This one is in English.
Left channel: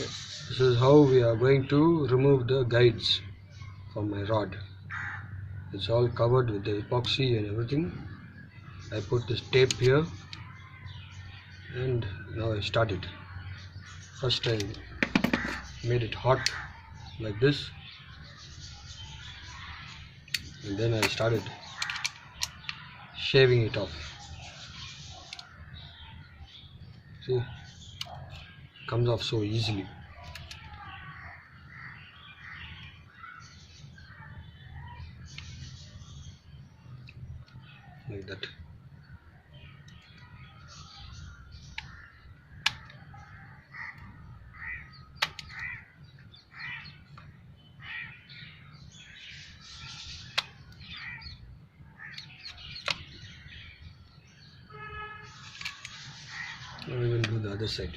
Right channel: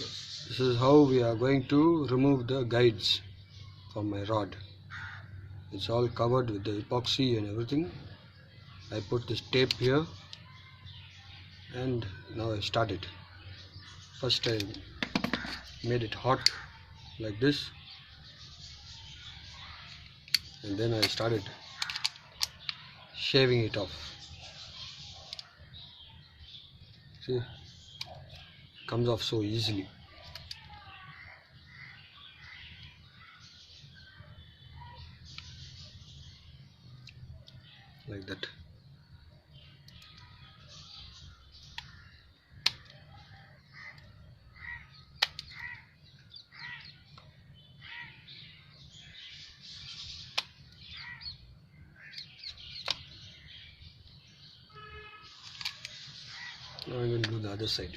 This is how we are going to remove the guides from my rod. It's all covered with the epoxy and everything. I put this tape here and now I start it. First I made it hot like this, and then I started shaving it off. See, it comes off so easily. Like that. Now we will do the other side.